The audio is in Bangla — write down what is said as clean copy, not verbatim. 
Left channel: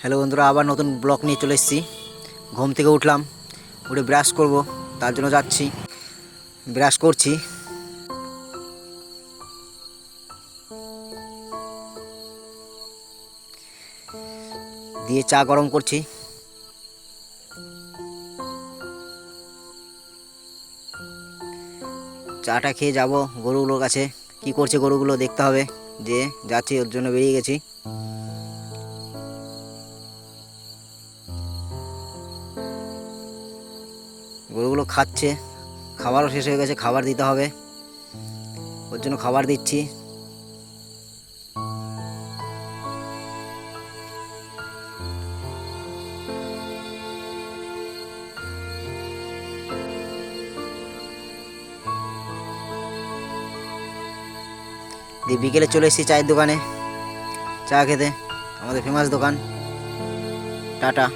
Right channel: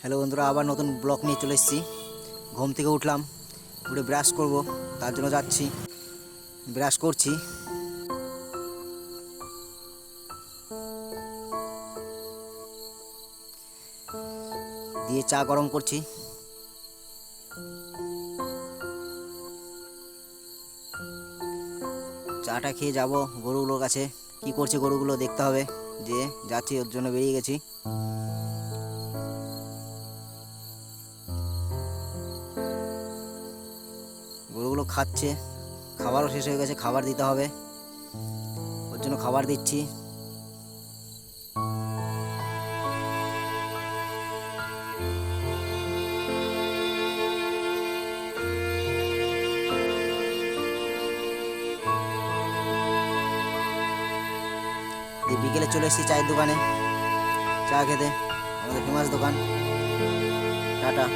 হ্যালো বন্ধুরা, আবার নতুন ব্লগ নিয়ে চলে এসেছি। ঘুম থেকে উঠলাম, উঠে ব্রাশ করব, তার জন্য যাচ্ছি। ব্রাশ করছি, দিয়ে চা গরম করছি। চাটা খেয়ে যাব গরুগুলোর কাছে। কি করছে গরুগুলো দেখতে হবে, যে যাচ্ছি ওর জন্য বেরিয়ে গেছি। গরুগুলো খাচ্ছে, খাবারও শেষ হয়ে গেছে, খাবার দিতে হবে, ওর জন্য খাবার দিচ্ছি। দিয়ে বিকেলে চলে এসেছি চায়ের দোকানে চা খেতে, আমাদের ফেমাস দোকান টাটা।